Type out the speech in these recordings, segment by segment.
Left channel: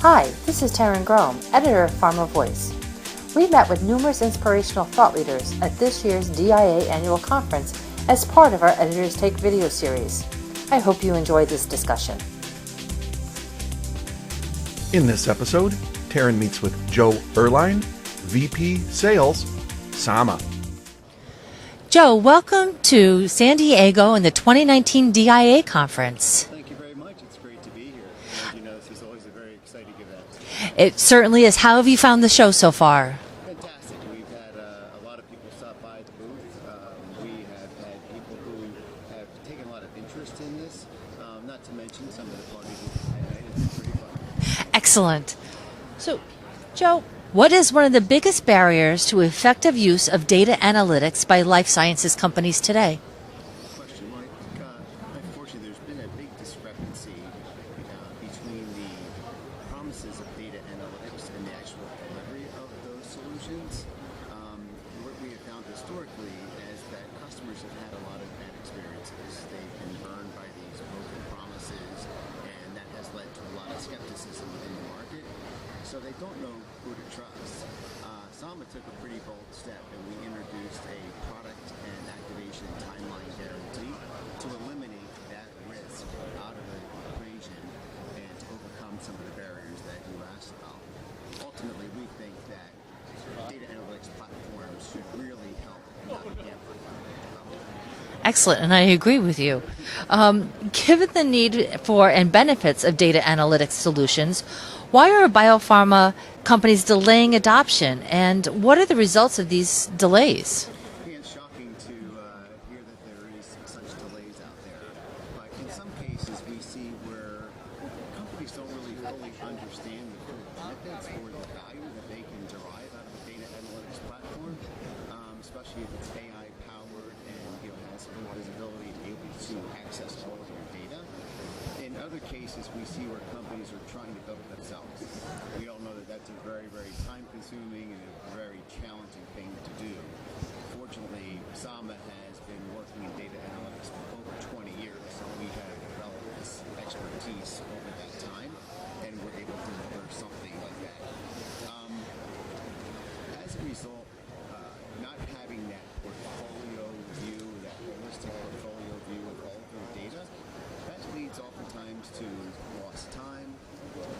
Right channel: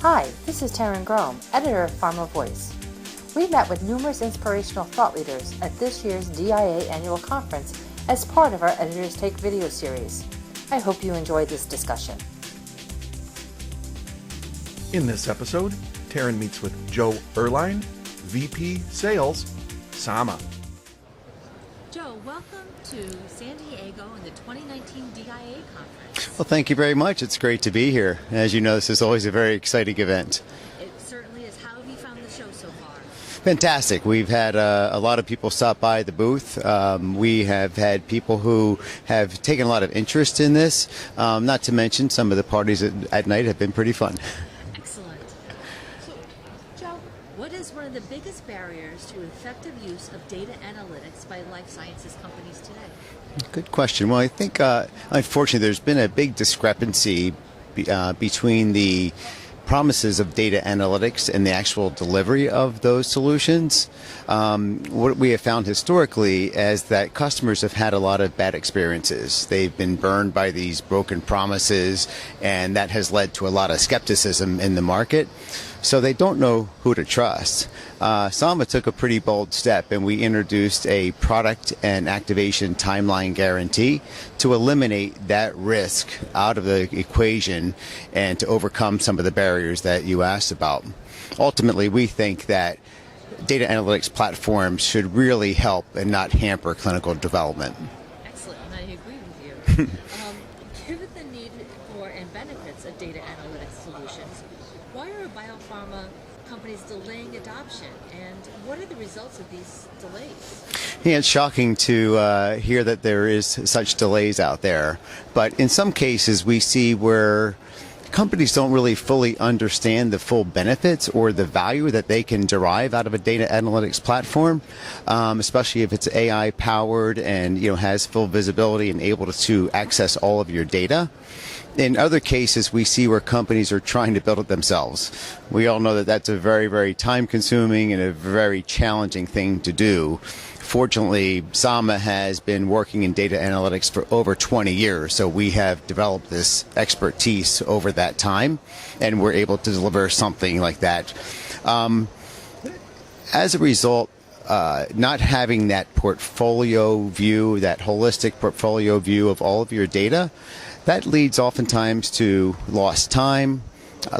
Hi, this is Taryn Grome, editor of Pharma Voice. We met with numerous inspirational thought leaders at this year's DIA annual conference as part of our Editors Take video series. I hope you enjoyed this discussion. In this episode, Taryn meets with Joe Ehrline, VP Sales, Saama. Joe, welcome to San Diego and the 2019 DIA conference. Well, thank you very much. It's great to be here. As you know, this is always a very exciting event. It certainly is. How have you found the show so far? Fantastic. We've had a lot of people stop by the booth. We have had people who have taken a lot of interest in this. Not to mention some of the parties at night have been pretty fun. Excellent. So, Joe, what is one of the biggest barriers to effective use of data analytics by life sciences companies today? Good question. Well, I think, unfortunately, there's been a big discrepancy between the promises of data analytics and the actual delivery of those solutions. What we have found historically is that customers have had a lot of bad experiences. They've been burned by these broken promises, and that has led to a lot of skepticism in the market. So they don't know who to trust. Saama took a pretty bold step, and we introduced a product and activation timeline guarantee to eliminate that risk out of the equation and to overcome some of the barriers that you asked about. Ultimately, we think that data analytics platforms should really help and not hamper clinical development. Excellent, and I agree with you. Given the need for and benefits of data analytics solutions, why are biopharma companies delaying adoption, and what are the results of these delays? Yeah, it's shocking to hear that there is such delays out there, but in some cases we see where companies don't really fully understand the full benefits or the value that they can derive out of a data analytics platform, especially if it's AI powered and has full visibility and able to access all of your data. In other cases, we see where companies are trying to build it themselves. We all know that that's a very, very time-consuming and a very challenging thing to do. Fortunately, Saama has been working in data analytics for over 20 years, so we have developed this expertise over that time, and we're able to deliver something like that. As a result, not having that portfolio view, that holistic portfolio view of all of your data, that leads oftentimes to lost time,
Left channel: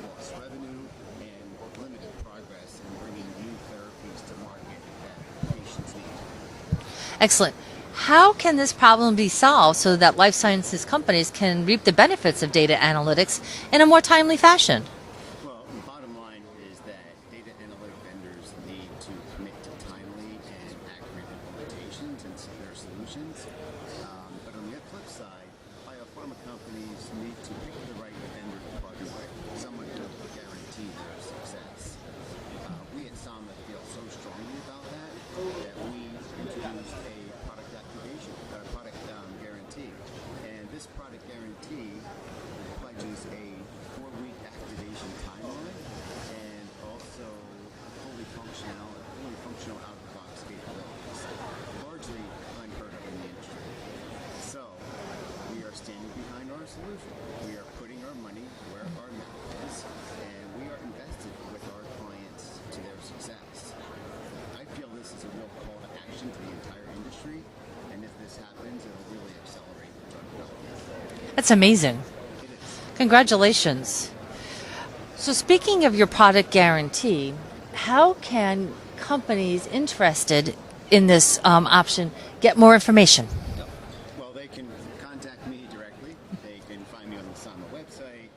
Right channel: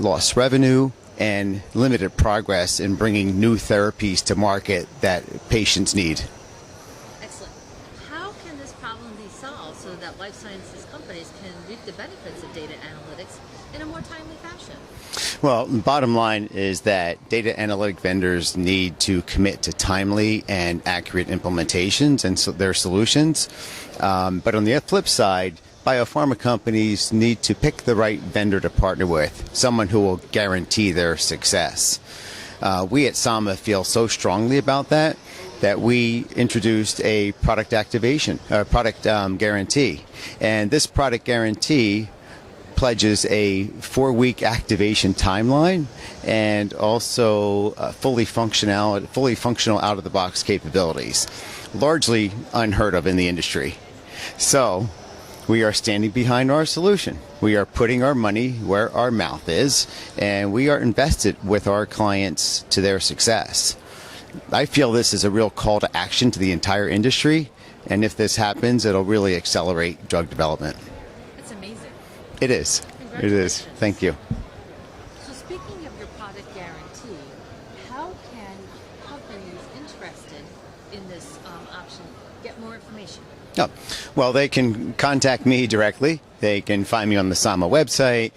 lost revenue, and limited progress in bringing new therapies to market that patients need. Excellent. How can this problem be solved so that life sciences companies can reap the benefits of data analytics in a more timely fashion? Well, bottom line is that data analytic vendors need to commit to timely and accurate implementations and their solutions. But on the flip side, biopharma companies need to pick the right vendor to partner with, someone who will guarantee their success. We at Saama feel so strongly about that we introduced a product guarantee. And this product guarantee pledges a 4-week activation timeline and also fully functional out-of-the-box capabilities, largely unheard of in the industry. So we are standing behind our solution. We are putting our money where our mouth is, and we are invested with our clients to their success. I feel this is a real call to action to the entire industry, and if this happens, it'll really accelerate drug development. That's amazing. It is. Congratulations. It is. Thank you. So speaking of your product guarantee, how can companies interested in this option get more information? Oh, well, they can contact me directly. They can find me on the Saama website.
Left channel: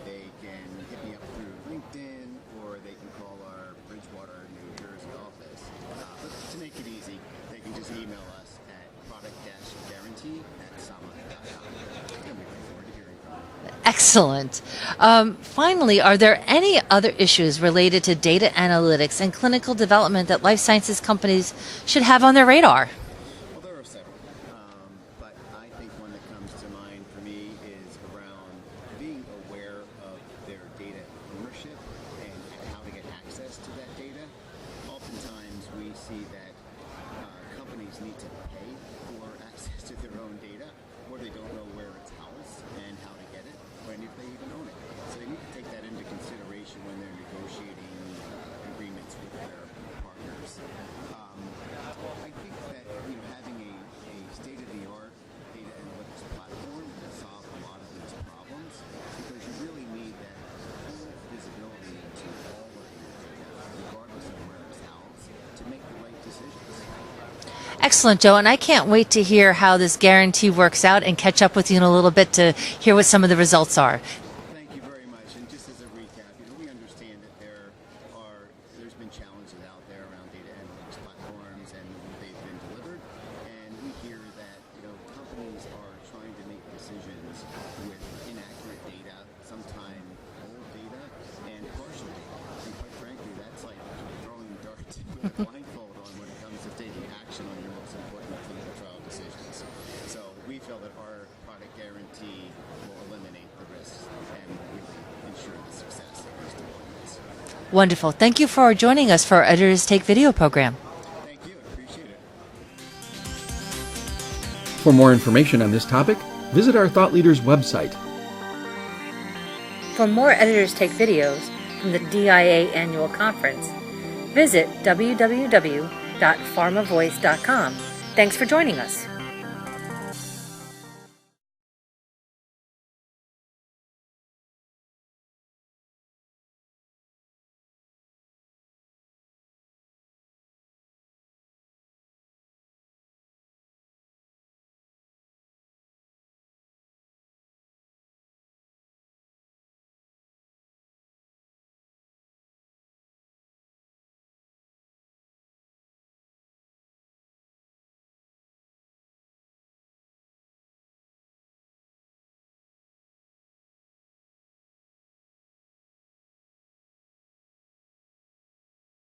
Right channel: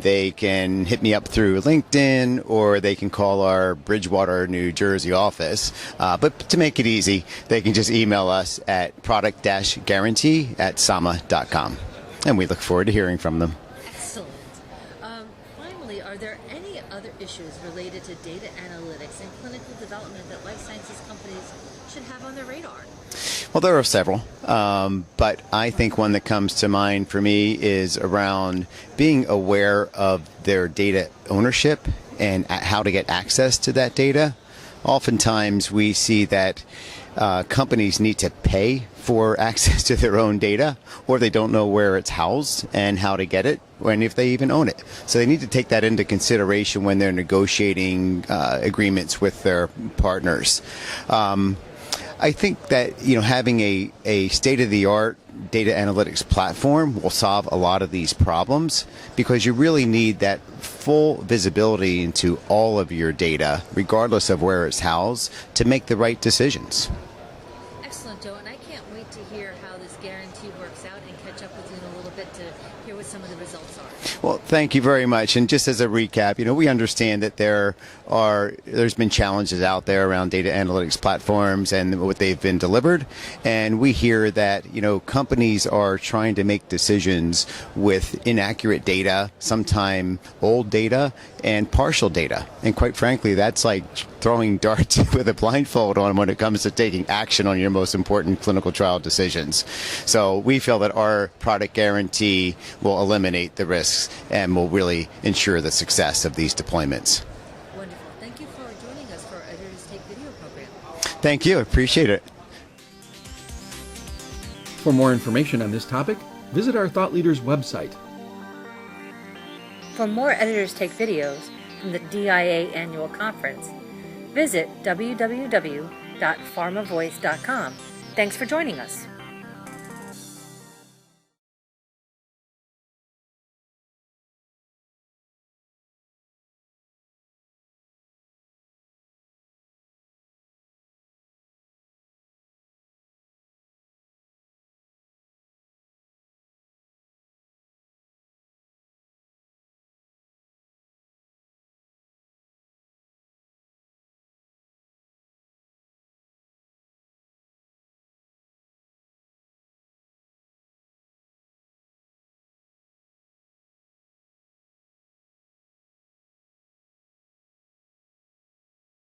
They can hit me up through LinkedIn, or they can call our Bridgewater, New Jersey office. But to make it easy, they can just email us at product-guarantee@saama.com. And we look forward to hearing from them. Excellent. Finally, are there any other issues related to data analytics and clinical development that life sciences companies should have on their radar? Well, there are several, but I think one that comes to mind for me is around being aware of their data ownership and how to get access to that data. Oftentimes we see that companies need to pay for access to their own data, or they don't know where it's housed and how to get it, and if they even own it. So they need to take that into consideration when they're negotiating agreements with their partners. I think that having a state-of-the-art data analytics platform will solve a lot of these problems, because you really need that full visibility into all of your data, regardless of where it's housed, to make the right decisions. Excellent, Joe, and I can't wait to hear how this guarantee works out and catch up with you in a little bit to hear what some of the results are. Well, thank you very much. And just as a recap, we understand that there's been challenges out there around data analytics platforms and what they've been delivered. And we hear that, companies are trying to make decisions with inaccurate data, sometimes old data, and partial data. And quite frankly, that's like throwing darts with a blindfold on when it comes to taking action on your most important clinical trial decisions. So we feel that our product guarantee will eliminate the risks and will really ensure the success of these deployments. Wonderful. Thank you for joining us for our Editors Take Video program. Thank you. I appreciate it. For more information on this topic, visit our Thought Leaders website. For more Editors Take videos from the DIA Annual Conference, visit www.pharmavoice.com. Thanks for joining us.